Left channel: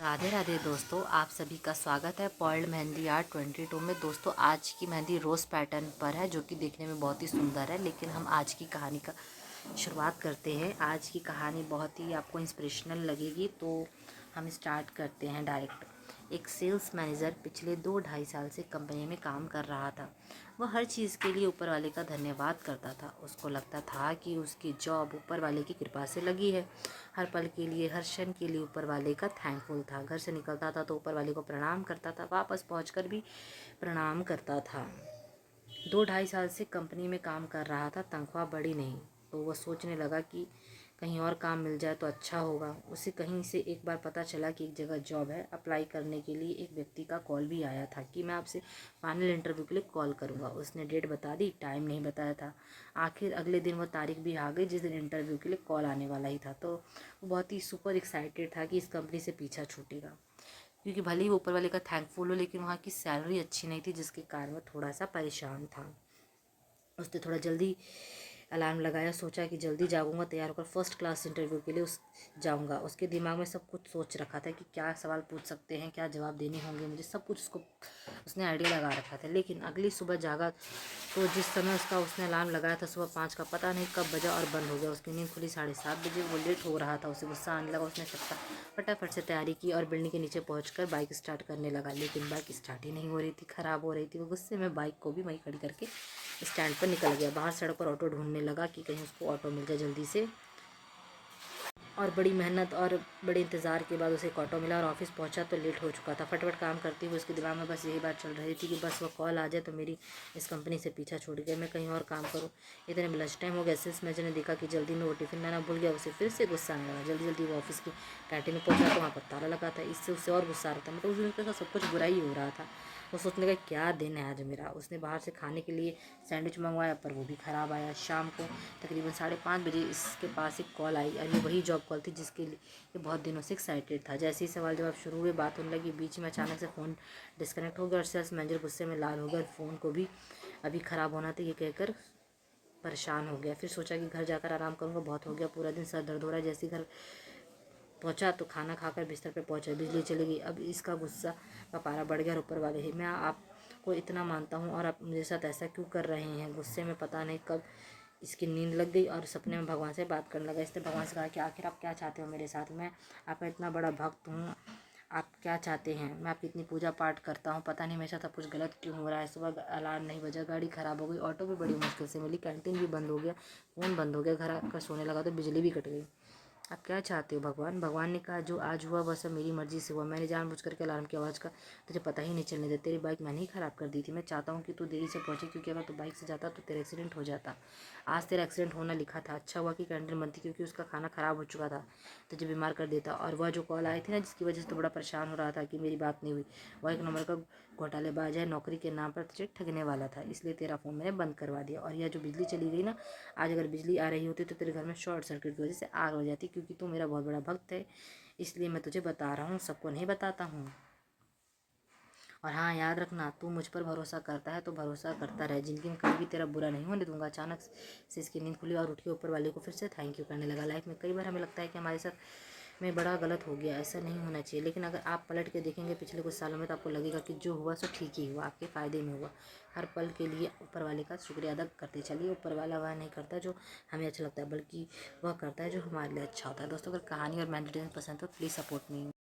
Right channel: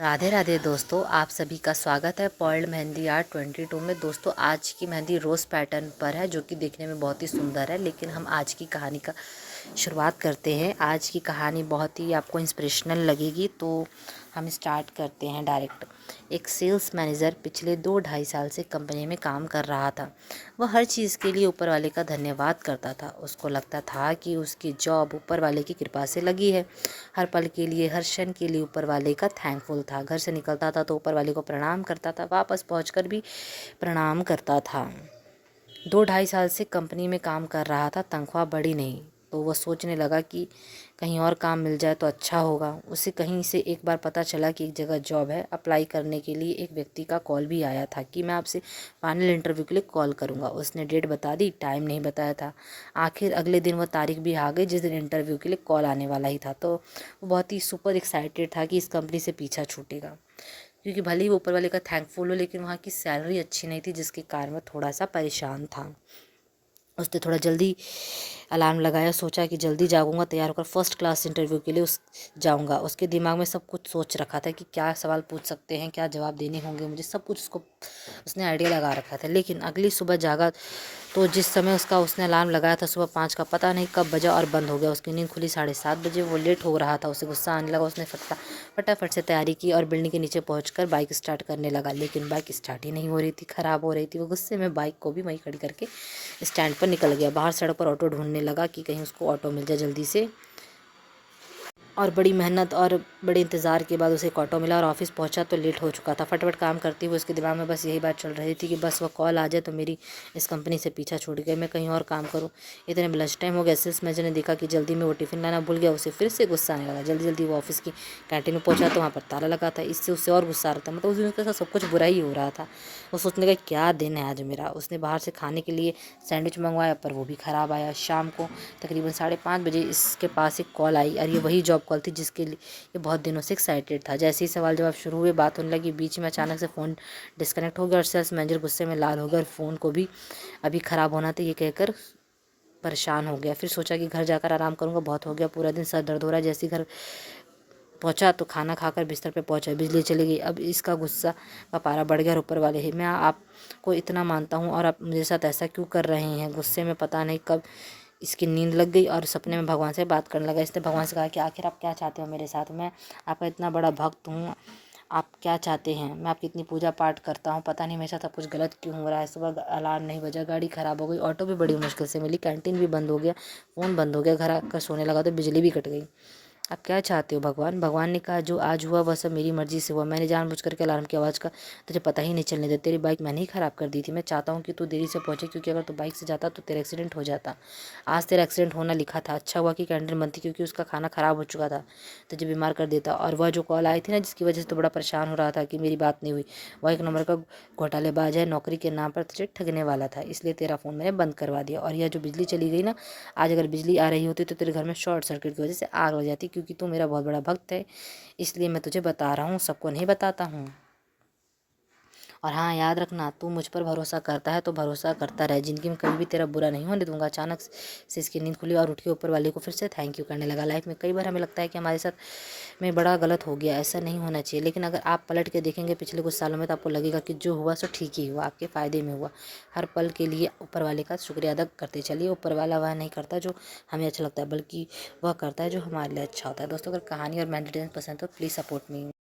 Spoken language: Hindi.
राधे राधे दोस्तों, आप सभी का स्वागत है पर्ल मेहंदी आर्ट 22 में। दोस्तों, आज की मेहंदी रोज़ पैटर्न पर है, जो कि देखने में बहुत ही सुंदर है। लेकिन हम आज की कहानी का शुरुआत करते हैं। आज की कहानी बहुत ही आपको इंस्पिरेशनल लगेगी, तो हम स्टार्ट करते हैं डायरेक्ट। एक सेल्स मैनेजर पिछले 2-2.5 साल से कंपनी में काम कर रहा था। वह हर चीज़ के लिए ऊपर वाले का धन्यवाद करता था। उसको लगता था कि उसकी जॉब ऊपर वाले की कृपा से लगी है। हर पल के लिए, हर क्षण के लिए ऊपर वाले का थैंकफुल था। घर से निकलता था तो ऊपर वाले को प्रणाम करता था, वापस पहुंचकर भी प्रणाम करता था। 2-2.5 साल से कंपनी में काम कर रहा था, तनख्वाह बढ़ी नहीं, तो वह सोचने लगा कि कहीं और काम मिल जाए तो अच्छा होगा। उसे कहीं से एक बार पता चला कि एक जगह जॉब है। अप्लाई करने के लिए एक व्यक्ति का कॉल भी आया था कि मैं आपसे फाइनल इंटरव्यू के लिए कॉल करूंगा। उसने डेट बता दी, टाइम नहीं बताया था। आखिर अगले दिन वह तारीख भी आ गई जिस दिन इंटरव्यू के लिए कॉल आने वाला ही था। तो वो बहुत ही सुपर एक्साइटेड था कि इस कंपनी से पीछा छूटेगा, क्योंकि भले ही वो ऊपर वाले का थैंकफुल हो, लेकिन वहाँ की सैलरी अच्छी नहीं थी, जिसके कारण वह थोड़ा सा परेशान था। उसने थोड़ा जल्दी अलार्म लगाया, सोचा कि जल्दी जागूंगा, तैयार होकर फर्स्ट क्लास इंटरव्यू के लिए जाऊंगा। उसके दिमाग में सब कुछ सोच रखा था कि क्या सवाल पूछ सकते हैं, क्या जवाब देने होंगे मुझे, सब कुछ उसने आइडिया लगा रखा था। लेकिन अगली सुबह जागा तो जिस समय उसने अलार्म लगाया था सुबह 5 का, पता नहीं कब बजा और बंद हो गया। उसकी नींद खुली 7:30 बजे। वो लेट हो रहा था, उसे गुस्सा आने लगा। उसने फटाफट से तैयारी की और बिल्डिंग के नीचे पहुंचकर बाइक स्टार्ट करने लगा, लेकिन बाइक स्टार्ट ही नहीं हो रही थी, ख़राब हो रही थी। वो गुस्से में बाइक को भी वहीं खड़ी करके स्टैंड पर निकल गया। बाहर सड़क पर ऑटो ढूंढने लगा कि कहीं उसको ऑटो मिल जाए जल्दी से। और बड़ी मेहनत और बड़े इंतज़ार के बाद उसे एक ऑटो मिला और ऑफिस पहुंचा तो लेट हो चुका था। फटाफट काम करते हुए उसके दिमाग में बस यही बात चल रही थी कि बस वह कॉल आ जाए तो मेरी इस कंपनी से पीछा छूट गया, मैं कहीं और काम करूं। इतने में लंच टाइम हो गया। सेल्स मैनेजर ने देखा कि जल्दी में वो टिफ़िन लाना भूल गया। उसे फिर से गुस्सा आने लगा। जल्दी जल्दी वो ऑफिस की कैंटीन में पहुंचा तो वहाँ पर ताला लगा था। इससे उसे और गुस्सा आ रहा था, मतलब उस दिन उसके साथ सब कुछ बुरा ही हो रहा था। वो सोचने लगा क्या दिन है आज मेरा। उसने बाहर से खाने के लिए सैंडविच मंगवाया, पर वो भी ख़राब आया। शाम को तकरीबन 5:30 बजे इसके पास एक कॉल आई और ये वही जॉब कॉल थी जिसके लिए ये बहुत दिनों से एक्साइटेड था। जैसे ही सवाल जवाब शुरू हुए, बात होने लगी, बीच में अचानक से फ़ोन डिस्कनेक्ट हो गया और सेल्स मैनेजर गुस्से में लाल हो गया और फ़ोन को भी अभी ख़राब होना था ये कहकर परेशान हो गया। फिर सोचा कि घर जाकर आराम करूंगा, बहुत हो गया, पूरा दिन सर दर्द हो रहा है। जैसे ही घर पहुंचा तो खाना खाकर बिस्तर पे पहुंचा, बिजली चली गई। अब इसका गुस्सा का पारा बढ़ गया और ऊपर वाले ही मैं आपको इतना मानता हूँ और आप मेरे साथ ऐसा क्यों कर रहे हैं। गुस्से में पता नहीं कब इसकी नींद लग गई और सपने में भगवान से बात करने लगा। इसने भगवान से कहा कि आखिर आप क्या चाहते हो मेरे साथ, मैं आपका इतना बड़ा भक्त हूँ, आप क्या चाहते हैं, मैं आपकी इतनी पूजा पाठ करता हूँ, पता नहीं मेरे साथ सब कुछ गलत क्यों हो रहा है। सुबह अलार्म नहीं बजा, गाड़ी ख़राब हो गई, ऑटो भी बड़ी मुश्किल से मिली, कैंटीन भी बंद हो गया, फ़ोन बंद हो गया, घर आकर सोने लगा तो बिजली भी कट गई। आप क्या चाहते हो भगवान। भगवान ने कहा जो आज हुआ वह सब मेरी मर्जी से हुआ। मैंने जानबूझ करके अलार्म की आवाज़ का तुझे पता ही नहीं चलने दिया। तेरी बाइक मैंने ही ख़राब कर दी थी। मैं चाहता हूँ कि तू देरी से पहुँचे, क्योंकि अगर तू बाइक से जाता तो तेरा एक्सीडेंट हो जाता। आज तेरा एक्सीडेंट होना लिखा था। अच्छा हुआ कि कैंटीन बंद थी, क्योंकि उसका खाना ख़राब हो चुका था, तुझे बीमार कर देता। और वह जो कॉल आई थी ना, जिसकी वजह से तो बड़ा परेशान हो रहा था कि मेरी बात नहीं हुई, वह एक नंबर का घोटालेबाज है, नौकरी के नाम पर तुझे ठगने वाला था, इसलिए तेरा फ़ोन मैंने बंद करवा दिया। और यह जो बिजली चली गई ना, आज अगर बिजली आ रही होती तो तेरे घर में शॉर्ट सर्किट की वजह से आग लग जाती, क्योंकि तू मेरा बहुत बड़ा भक्त है, इसलिए मैं तुझे बता रहा हूँ, सबको नहीं बताता हूँ। और हाँ, याद रखना, तू मुझ पर भरोसा करता है तो भरोसा करता रहे, ज़िंदगी में कभी भी तेरा बुरा नहीं होने दूंगा। अचानक से इसकी नींद खुली और उठ के ऊपर वाले को फिर से थैंक यू करने लगा। लाइफ में कई बार हमें लगता है कि हमारे साथ में बड़ा गलत हो गया, ऐसा नहीं होना चाहिए, लेकिन अगर आप पलट के देखेंगे पिछले कुछ सालों में तो आपको लगेगा कि जो हुआ सो ठीक ही हुआ, आपके फ़ायदे में हुआ। हर पल के लिए ऊपर वाले का शुक्रिया अदा करते चलिए। ऊपर वाला वह नहीं करता जो हमें अच्छा लगता है, बल्कि वह करता है जो हमारे लिए अच्छा होता है। दोस्तों, अगर कहानी और मेडिटेशन पसंद हो तो प्लीज़ सपोर्ट मी।